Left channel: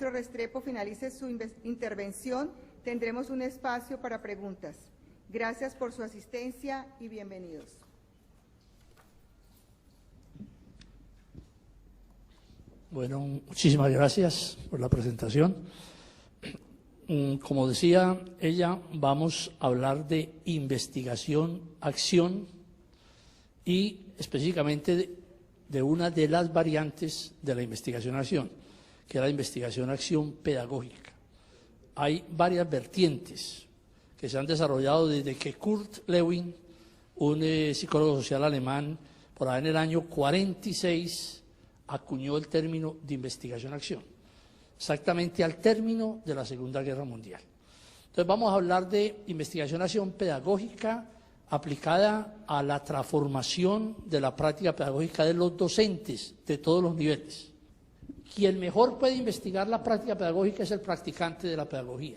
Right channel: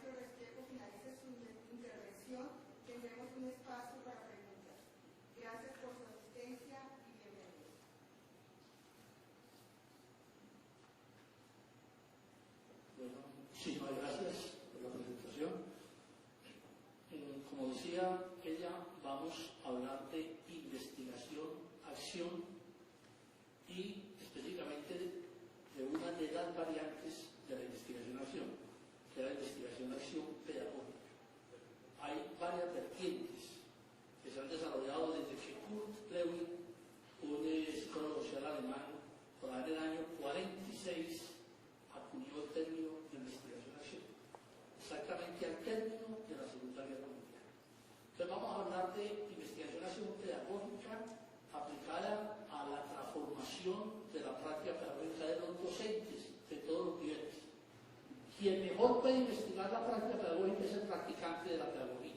maestro Restrepo finalice su intervención, tendremos un espacio para preguntas. Gracias por su asistencia y bienvenidos. Bueno, muchísimas gracias por la presentación. Como decía ella, vamos a hablar de investigación, acción y específicamente de una de las variantes de la investigación-acción, que es la investigación-acción pedagógica. Hay varias vertientes que se han desarrollado desde que Kurt Lewin, un psicólogo social alemán, por ahí en el año 46, acuñó el término de investigación-acción, exactamente al término de la Segunda Guerra Mundial. Entonces vamos a hablar de investigación-acción pedagógica aplicada a la transformación de la práctica pedagógica de los docentes de todos los niveles. Quien mejor puede investigar la práctica pedagógica es el practicante de la pedagogía.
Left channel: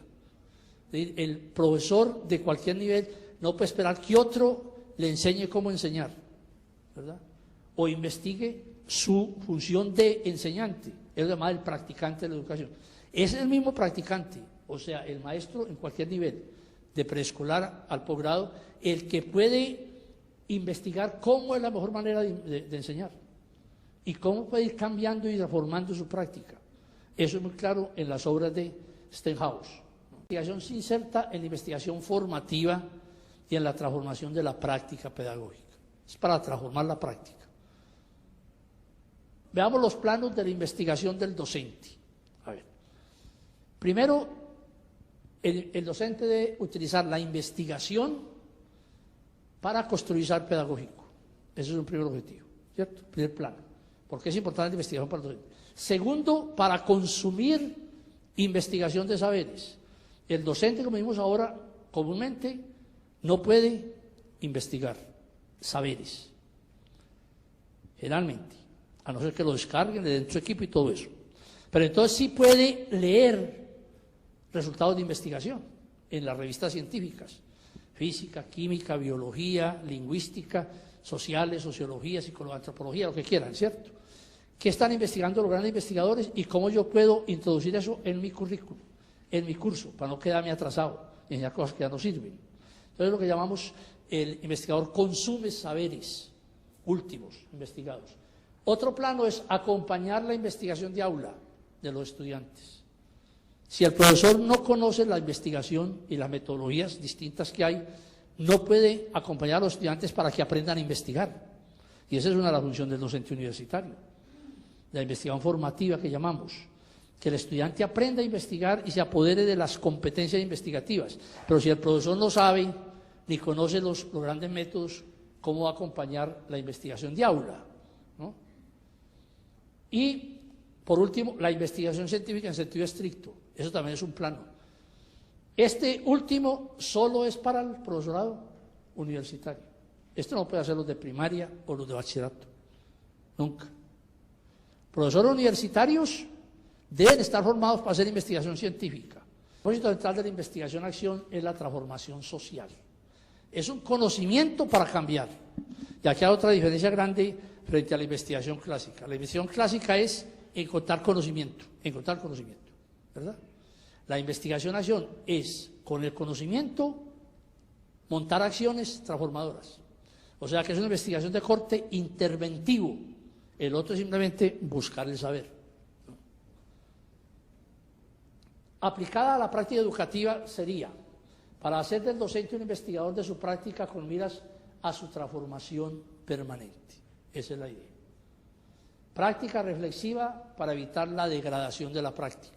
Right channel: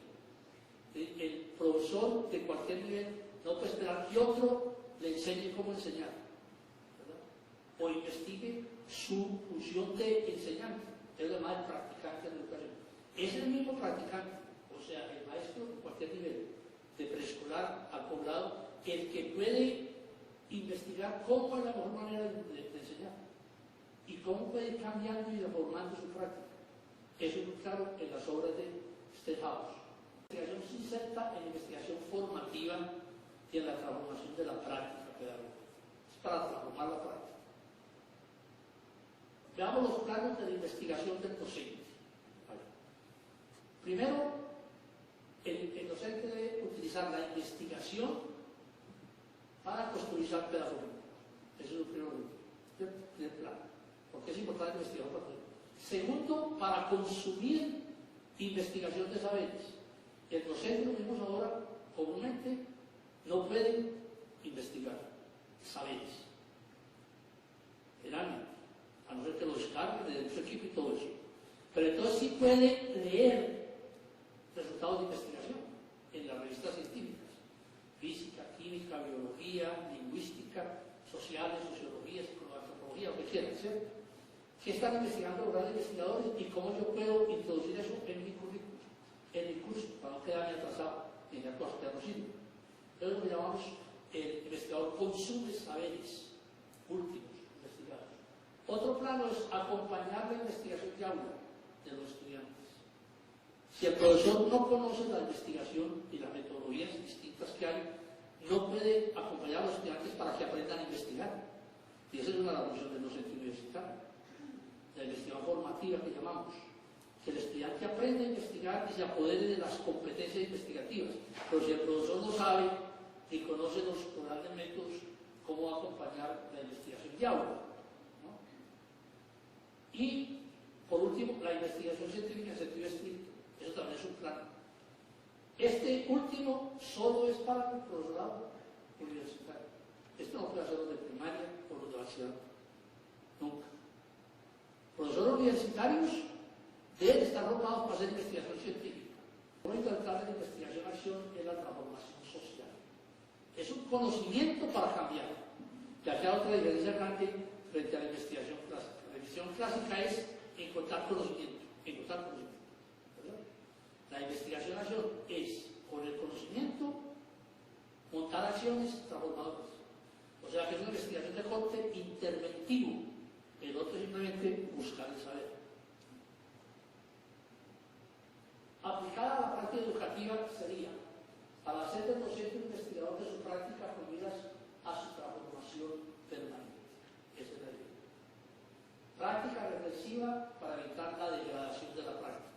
El profesor de cualquier nivel no puede esperar que otro le enseñe cómo enseñar, ¿verdad? O investigue su función de enseñante, es lo llamado el practicante de la educación. Es el mismo practicante, o sea, el maestro en cualquier nivel, de preescolar al posgrado, el que puede investigar cómo es la mejor manera de enseñar y cómo puede ir cambiando y reformando su práctica. Eso es muy claro en las obras de Stenhouse. La investigación se inserta en la investigación formativa y en la transformación de la práctica pedagógica. Es para transformar la práctica. Veamos los planos de la investigación del docente. A ver. Primero, el docente debe utilizar la investigación para construir saber pedagógico. Ese es un primer objetivo, ¿cierto? Primer plano. Porque es importante la investigación para el docente. Segundo, para consumir investigación de saberes. El docente, como vimos ahora, comúnmente no puede investigar saberes. Generalmente. A no ser que lo descarguen, le den su equipo y todo eso. Pero entonces sí puede leer resultados de investigación en las revistas científicas, física, química, biología, lingüística, sociales, sociología, psicología, antropología, lo que quieran, ¿cierto? ¿Qué están investigando los grandes investigadores y cómo yo puedo introducir eso en mi currículum, en mi curso, para no quedarme atrasado en ya cosas que ya no sirven? Entonces lo que llamamos el investigador consume saberes últimos investigados. Otro plano es acompañar la investigación de aula de los estudiantes. Si el profesor no conoce la investigación y las metodologías distintas que hay, no puede acompañar a los estudiantes para que aprendan a investigar. Y esa es una de las funciones del docente universitario, la investigación formativa que llamamos, que el estudiante aprenda a investigar y se apodere de las competencias investigativas. Pero si el profesor no sabe ni conoce los grandes métodos, ¿cómo va a acompañar la investigación de aula? ¿No? Y, por último, la investigación científica en sentido estricto. Eso también es un plano. Este último solo es para el profesorado universitario. Esto no puede hacer los de primaria o los de bachillerato. Nunca. Profesores universitarios deben estar formados para hacer investigación científica. El propósito central de la investigación-acción es la transformación social. Es un conocimiento para cambiar. Y aquí hay otra diferencia grande frente a la investigación clásica. La investigación clásica es encontrar conocimiento, ¿verdad? La investigación-acción es, con el conocimiento, montar acciones transformadoras. O sea que es una investigación de corte interventivo. El otro es simplemente buscar el saber. Aplicada a la práctica educativa sería, para hacer del docente un investigador de su práctica con miras a su transformación permanente. Esa es la idea. Práctica reflexiva para evitar la degradación de la práctica.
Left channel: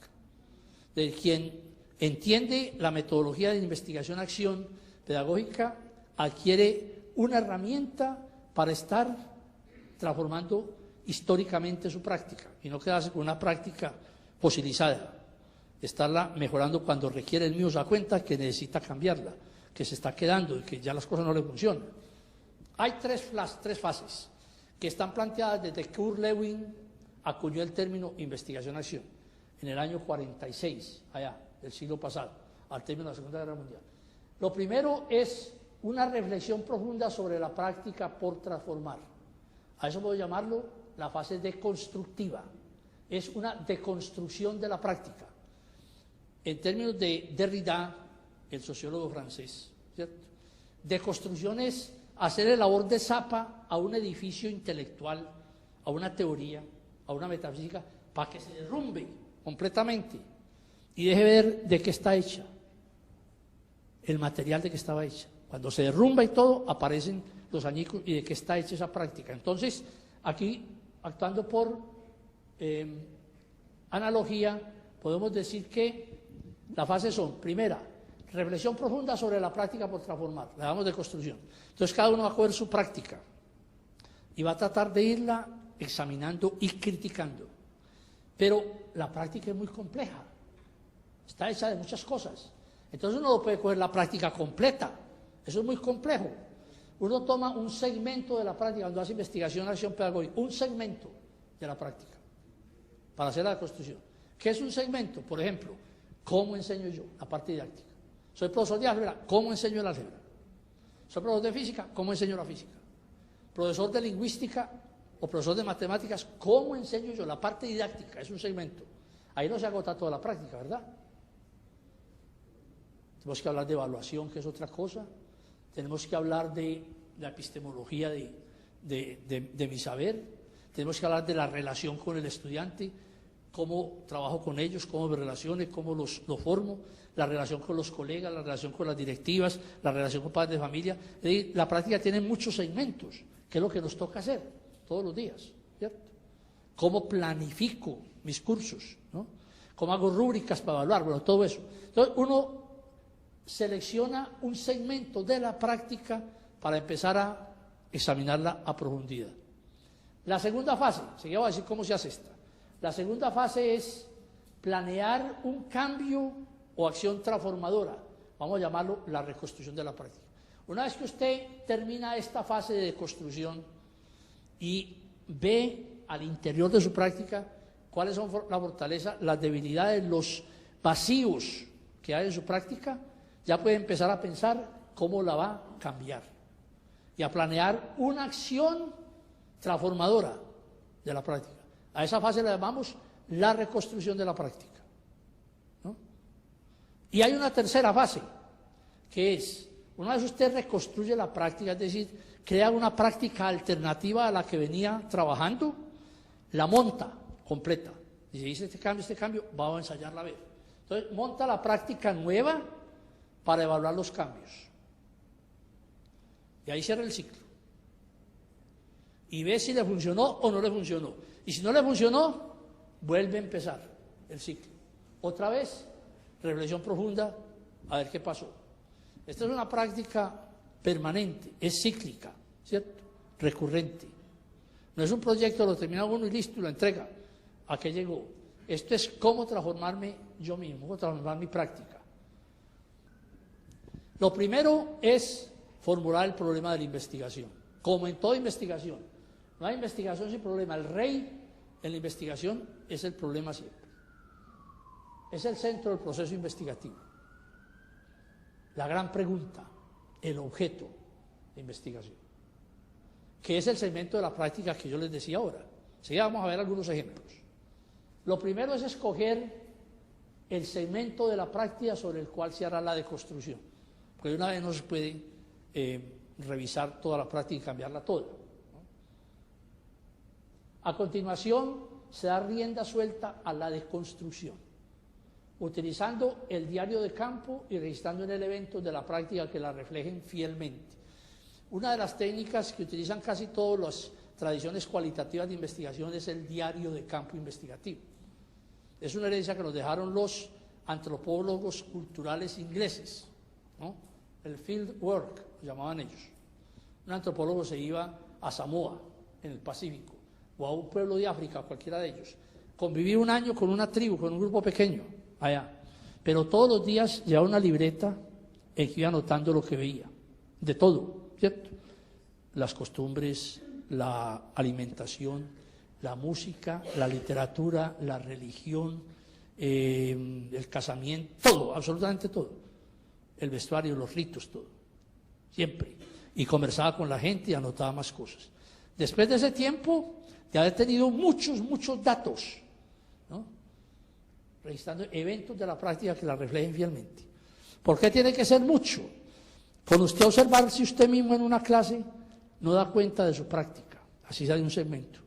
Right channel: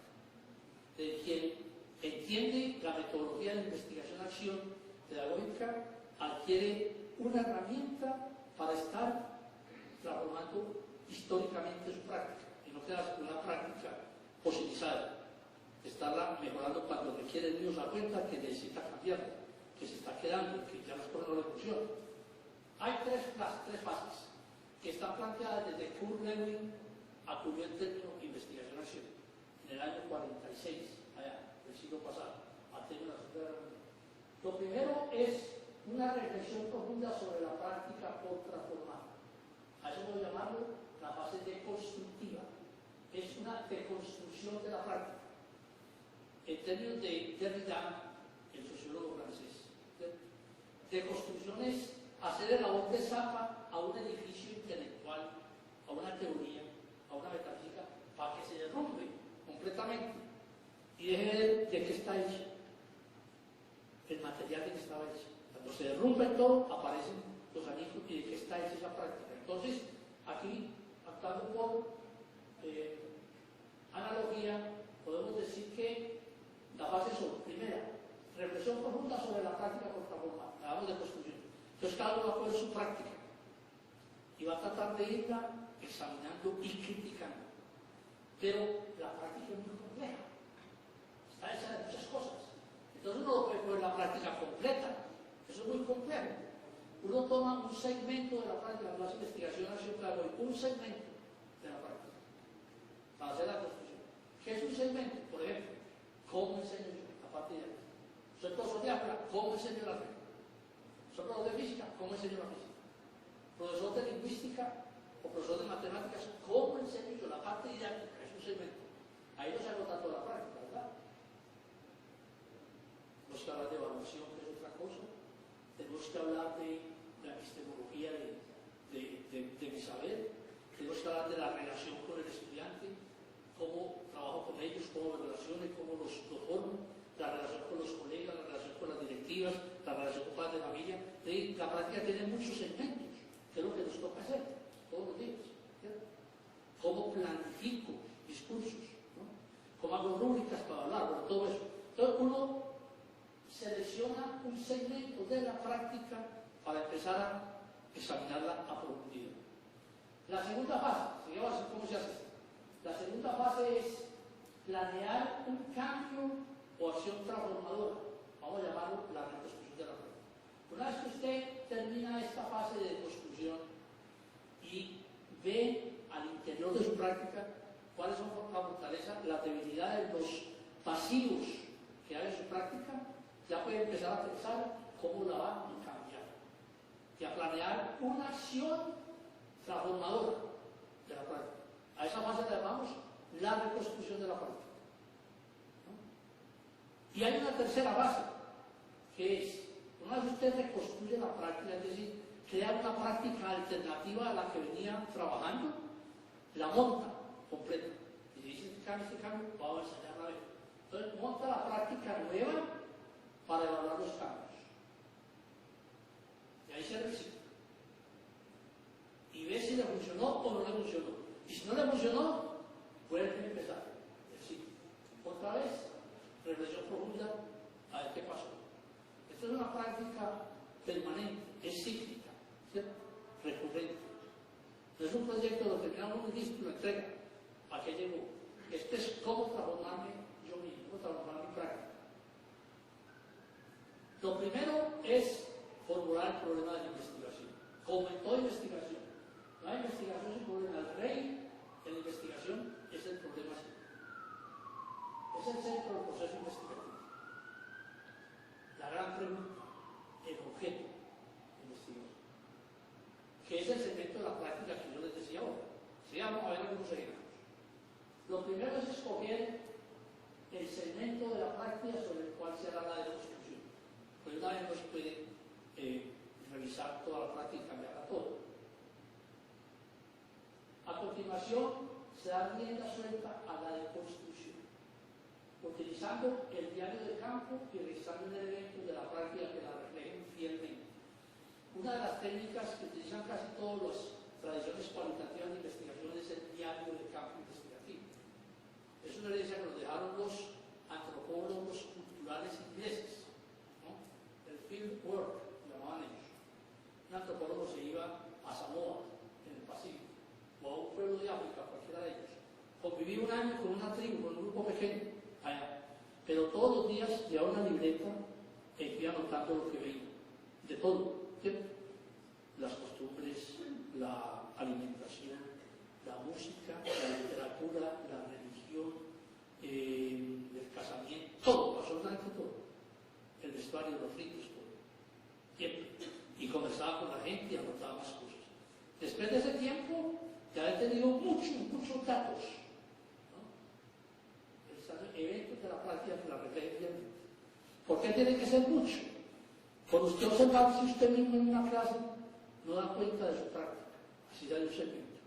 De quien entiende la metodología de investigación-acción pedagógica adquiere una herramienta para estar transformando históricamente su práctica y no quedarse con una práctica fosilizada, estarla mejorando cuando requiere el mismo se da cuenta que necesita cambiarla, que se está quedando y que ya las cosas no le funcionan. Hay tres fases que están planteadas desde que Kurt Lewin acuñó el término investigación-acción en el año 46, allá, del siglo pasado, al término de la Segunda Guerra Mundial. Lo primero es una reflexión profunda sobre la práctica por transformar. A eso puedo llamarlo la fase deconstructiva. es una deconstrucción de la práctica. En términos de Derrida, el sociólogo francés, ¿cierto? Deconstrucción es hacerle labor de zapa a un edificio intelectual, a una teoría, a una metafísica, para que se derrumbe completamente y deje ver de qué está hecha, el material de que estaba hecha. Cuando se derrumba y todo, aparecen los añicos y de qué está hecha esa práctica. Entonces, aquí, actuando por analogía, podemos decir que las fases son: primera, reflexión profunda sobre la práctica por transformar, la llamamos de construcción. Entonces, cada uno va a coger su práctica y va a tratar de irla examinando y criticando. Pero la práctica es muy compleja, está hecha de muchas cosas. Entonces uno no puede coger la práctica completa, eso es muy complejo. Uno toma un segmento de la práctica cuando hace investigación, acción pedagógica, un segmento de la práctica para hacer la deconstrucción. ¿Qué es un segmento? Por ejemplo, ¿cómo enseño yo? La parte didáctica. Soy profesor de álgebra, ¿cómo enseño el álgebra? Soy profesor de física, ¿cómo enseño la física? Profesor de lingüística o profesor de matemáticas, ¿cómo enseño yo? La parte didáctica es un segmento. Ahí no se agota toda la práctica, ¿verdad? Tenemos que hablar de evaluación, que es otra cosa. Tenemos que hablar de la epistemología de mi saber. Tenemos que hablar de la relación con el estudiante, cómo trabajo con ellos, cómo me relaciono, cómo los formo, la relación con los colegas, la relación con las directivas, la relación con padres de familia. Es decir, la práctica tiene muchos segmentos, que es lo que nos toca hacer todos los días, ¿cierto? Cómo planifico mis cursos, ¿no? Cómo hago rúbricas para evaluar, bueno, todo eso. Entonces, uno selecciona un segmento de la práctica para empezar a examinarla a profundidad. La segunda fase, seguimos a decir cómo se hace esta. La segunda fase es planear un cambio o acción transformadora. Vamos a llamarlo la reconstrucción de la práctica. Una vez que usted termina esta fase de construcción y ve al interior de su práctica cuáles son la fortaleza, las debilidades, los vacíos que hay en su práctica, ya puede empezar a pensar cómo la va a cambiar y a planear una acción transformadora de la práctica. A esa fase la llamamos la reconstrucción de la práctica, ¿no? Y hay una tercera fase, que es, una vez usted reconstruye la práctica, es decir, crea una práctica alternativa a la que venía trabajando, la monta completa. Y se dice este cambio, vamos a ensayarla a ver. Entonces, monta la práctica nueva para evaluar los cambios. Y ahí cierra el ciclo. Y ve si le funcionó o no le funcionó. Y si no le funcionó, vuelve a empezar el ciclo. Otra vez, reflexión profunda, a ver qué pasó. Esta es una práctica permanente, es cíclica, ¿cierto? Recurrente. No es un proyecto, lo termina uno y listo, y lo entrega. ¿A qué llegó? Esto es cómo transformarme yo mismo, cómo transformar mi práctica. Lo primero es formular el problema de la investigación. Como en toda investigación, no hay investigación sin problema. El rey en la investigación es el problema siempre. Es el centro del proceso investigativo. La gran pregunta, el objeto de investigación, que es el segmento de la práctica que yo les decía ahora. Así vamos a ver algunos ejemplos. Lo primero es escoger el segmento de la práctica sobre el cual se hará la deconstrucción. Porque una vez no se puede revisar toda la práctica y cambiarla toda. A continuación, se da rienda suelta a la deconstrucción, utilizando el diario de campo y registrando en el evento de la práctica que la reflejen fielmente. Una de las técnicas que utilizan casi todas las tradiciones cualitativas de investigación es el diario de campo investigativo. Es una herencia que nos dejaron los antropólogos culturales ingleses, ¿no? El field work, llamaban ellos. Un antropólogo se iba a Samoa, en el Pacífico, o a un pueblo de África, cualquiera de ellos. Convivía un año con una tribu, con un grupo pequeño, allá. Pero todos los días llevaba una libreta en que iba anotando lo que veía, de todo, ¿cierto? Las costumbres, la alimentación, la música, la literatura, la religión, el casamiento, todo, absolutamente todo. El vestuario, los ritos, todo. Siempre. Y conversaba con la gente y anotaba más cosas. Después de ese tiempo, de haber tenido muchos datos registrando eventos de la práctica que la reflejen fielmente. ¿Por qué tiene que ser mucho? Por usted observar si usted mismo en una clase no da cuenta de su práctica, así sale un segmento.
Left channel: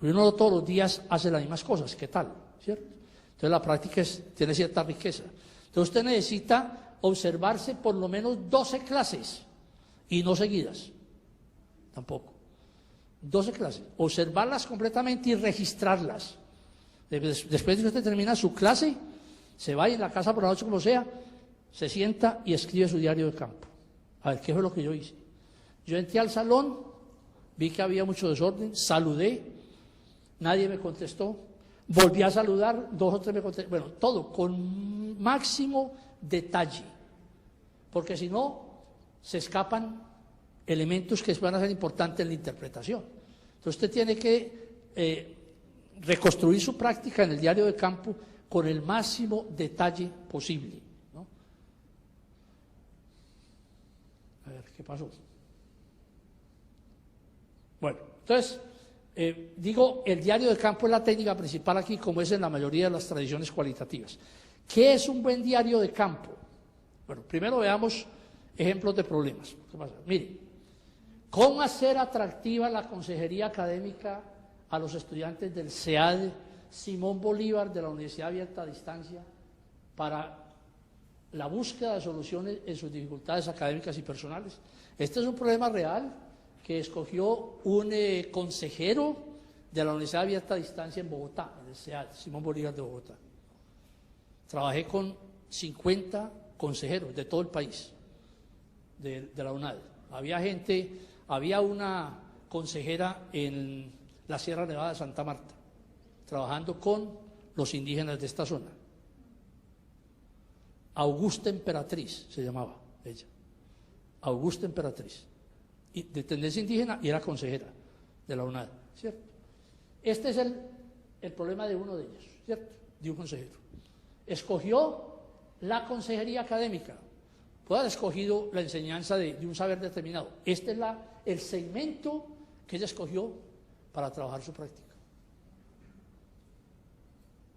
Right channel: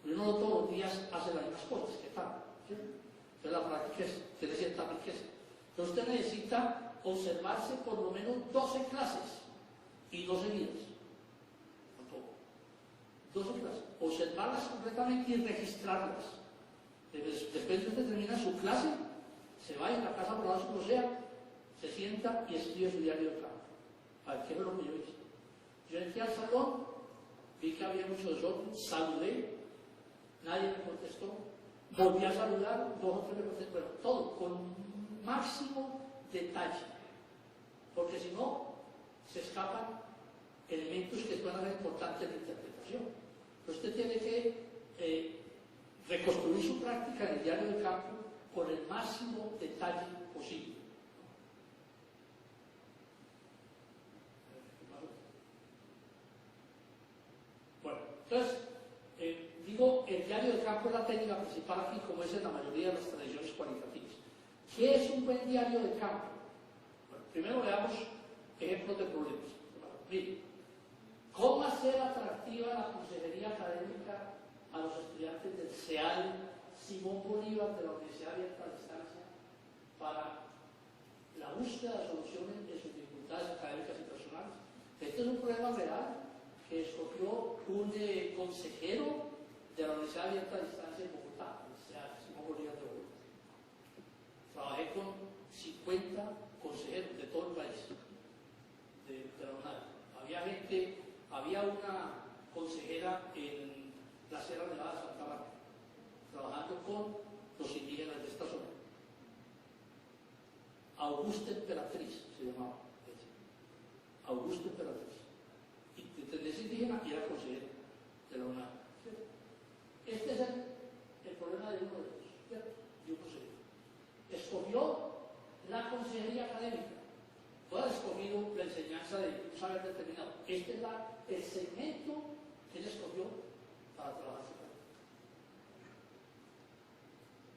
Uno todos los días hace las mismas cosas, ¿qué tal? ¿Cierto? Entonces la práctica tiene cierta riqueza. Entonces usted necesita observarse por lo menos 12 clases y no seguidas, tampoco. 12 clases, observarlas completamente y registrarlas. Después de que usted termina su clase, se va en la casa por la noche como sea, se sienta y escribe su diario de campo. A ver, ¿qué fue lo que yo hice? Yo entré al salón, vi que había mucho desorden, saludé, nadie me contestó, volví a saludar, 2 o 3 me contestaron, bueno, todo con máximo detalle, porque si no, se escapan elementos que van a ser importantes en la interpretación. Entonces usted tiene que reconstruir su práctica en el diario de campo con el máximo detalle posible, ¿no? A ver, ¿qué pasó? Bueno, entonces, digo, el diario de campo es la técnica principal aquí, como es en la mayoría de las tradiciones cualitativas. ¿Qué es un buen diario de campo? Bueno, primero veamos ejemplos de problemas. ¿Qué pasa? Mire, ¿cómo hacer atractiva la consejería académica a los estudiantes del CEAD Simón Bolívar de la Universidad Abierta a Distancia para la búsqueda de soluciones en sus dificultades académicas y personales? Este es un problema real que escogió un consejero de la Universidad Abierta a Distancia en Bogotá, del CEAD Simón Bolívar de Bogotá. Trabajé con 50 consejeros de todo el país, de la UNAD. Había una consejera en la Sierra Nevada de Santa Marta, trabajando con los indígenas de esta zona. Augusta Emperatriz se llamaba ella. Augusta Emperatriz. Y de tendencia indígena y era consejera de la UNAD, ¿cierto? Este es el problema de uno de ellos, ¿cierto? De un consejero. Escogió la consejería académica. Puede haber escogido la enseñanza de un saber determinado. Este es el segmento que ella escogió para trabajar su práctica.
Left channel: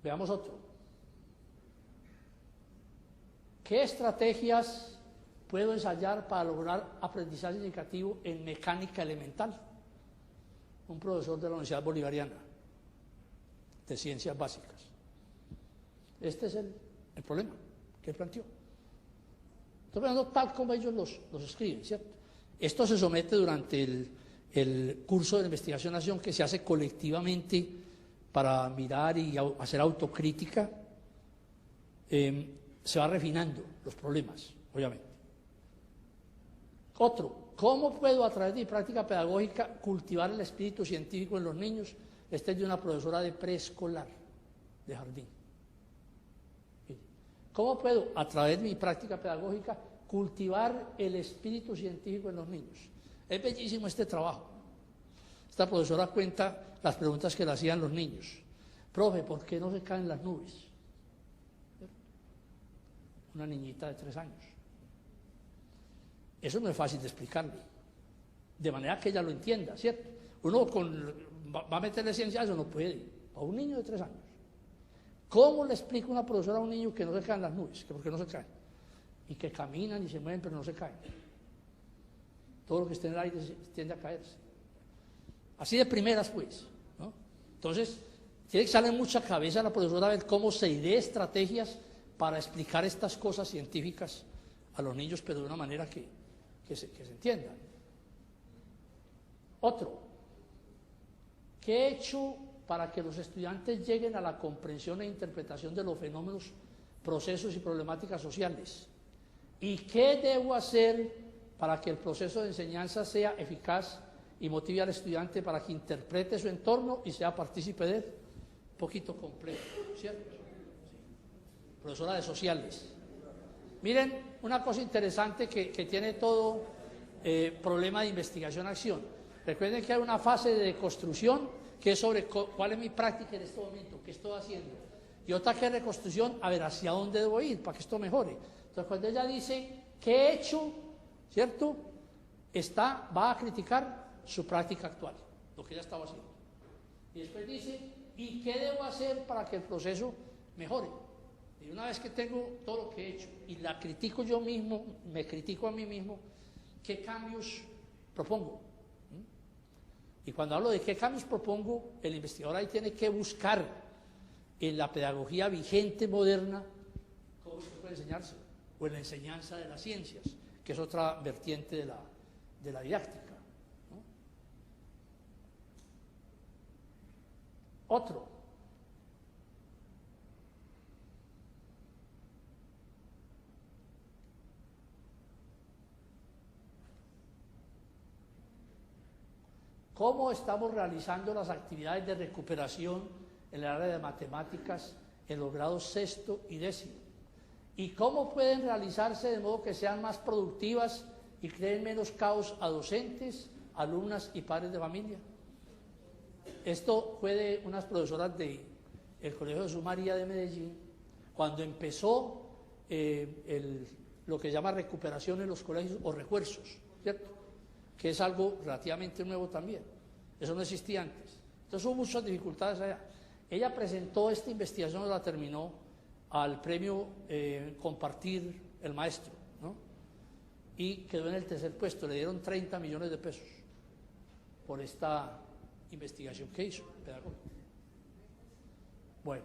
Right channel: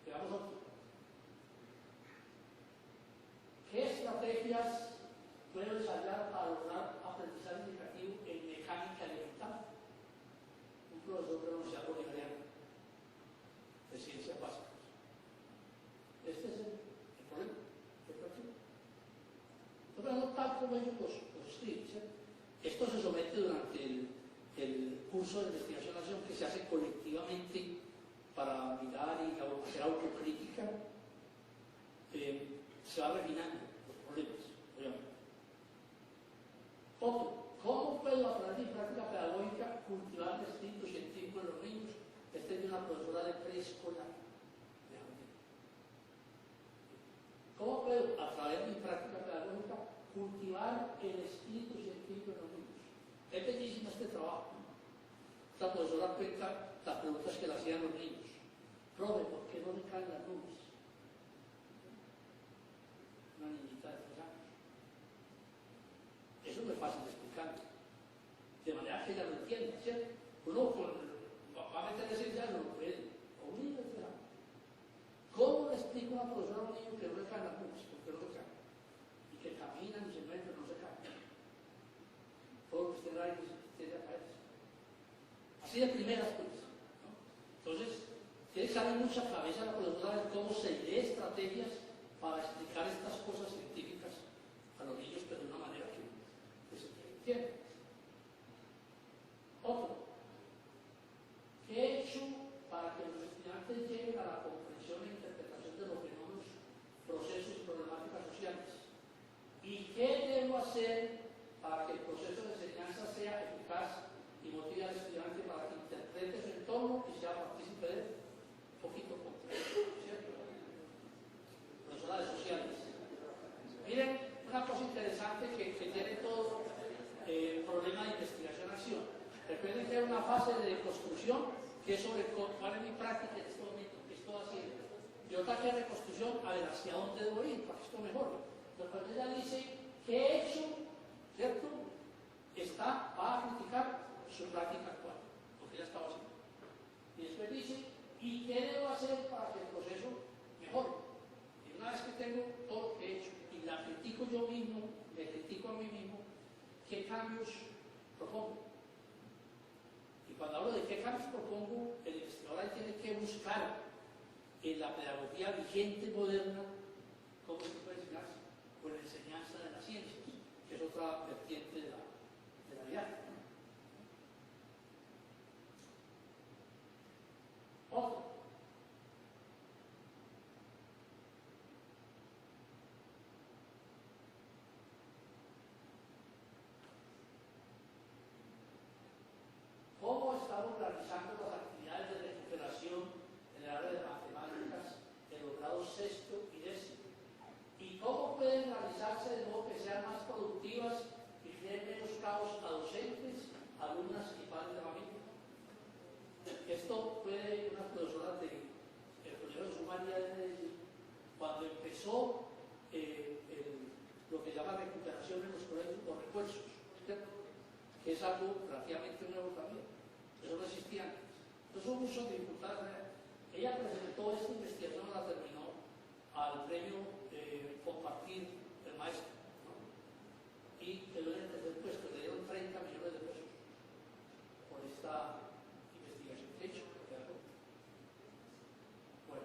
Veamos otro. ¿Qué estrategias puedo ensayar para lograr aprendizaje significativo en mecánica elemental? Un profesor de la Universidad Bolivariana de Ciencias Básicas. Este es el problema que planteó. Entonces, tal como ellos los escriben, ¿cierto? Esto se somete durante el curso de investigación-acción que se hace colectivamente para mirar y hacer autocrítica. Se va refinando los problemas, obviamente. Otro, ¿cómo puedo a través de mi práctica pedagógica cultivar el espíritu científico en los niños? Este es de una profesora de preescolar, de jardín. ¿Cómo puedo, a través de mi práctica pedagógica, cultivar el espíritu científico en los niños? Es bellísimo este trabajo. Esta profesora cuenta las preguntas que le hacían los niños. Profe, ¿por qué no se caen las nubes? Una niñita de 3 años. Eso no es fácil de explicarle, de manera que ella lo entienda, ¿cierto? Uno va a meterle ciencia, eso no puede, a un niño de 3 años. ¿Cómo le explica una profesora a un niño que no se caen las nubes, que porque no se caen? Y que caminan y se mueven, pero no se caen. Todo lo que esté en el aire tiende a caerse. Así de primeras, pues, ¿no? Entonces, tiene que salir mucha cabeza la profesora a ver cómo se idea estrategias para explicar estas cosas científicas a los niños, pero de una manera que se entienda. Otro, ¿qué he hecho para que los estudiantes lleguen a la comprensión e interpretación de los fenómenos, procesos y problemáticas sociales? ¿Y qué debo hacer para que el proceso de enseñanza sea eficaz y motive al estudiante para que interprete su entorno y sea partícipe de él? Un poquito complejo, ¿cierto? Profesora de sociales. Miren, una cosa interesante que tiene todo problema de investigación-acción. Recuerden que hay una fase de construcción que es sobre cuál es mi práctica en este momento, qué estoy haciendo. Y otra que es reconstrucción, a ver, hacia dónde debo ir para que esto mejore. Entonces, cuando ella dice, ¿qué he hecho? ¿Cierto? Va a criticar su práctica actual, lo que ella estaba haciendo. Y después dice, ¿y qué debo hacer para que el proceso mejore? que tengo todo lo que he hecho y la critico yo mismo, me critico a mí mismo, ¿qué cambios propongo? Y cuando hablo de qué cambios propongo, el investigador ahí tiene que buscar en la pedagogía vigente, moderna, cómo se puede enseñarse, o en la enseñanza de las ciencias, que es otra vertiente de la didáctica. Otro. ¿Cómo estamos realizando las actividades de recuperación en el área de matemáticas en los grados sexto y décimo? ¿Y cómo pueden realizarse de modo que sean más productivas y creen menos caos a docentes, alumnas y padres de familia? Esto fue de unas profesoras del Colegio de Sumaría de Medellín, cuando empezó lo que se llama recuperación en los colegios o refuerzos, ¿cierto? Que es algo relativamente nuevo también. Eso no existía antes. Entonces hubo muchas dificultades allá. Ella presentó esta investigación, la terminó al premio Compartir el Maestro, ¿no? Y quedó en el tercer puesto. Le dieron 30 millones de pesos por esta investigación que hizo. Bueno,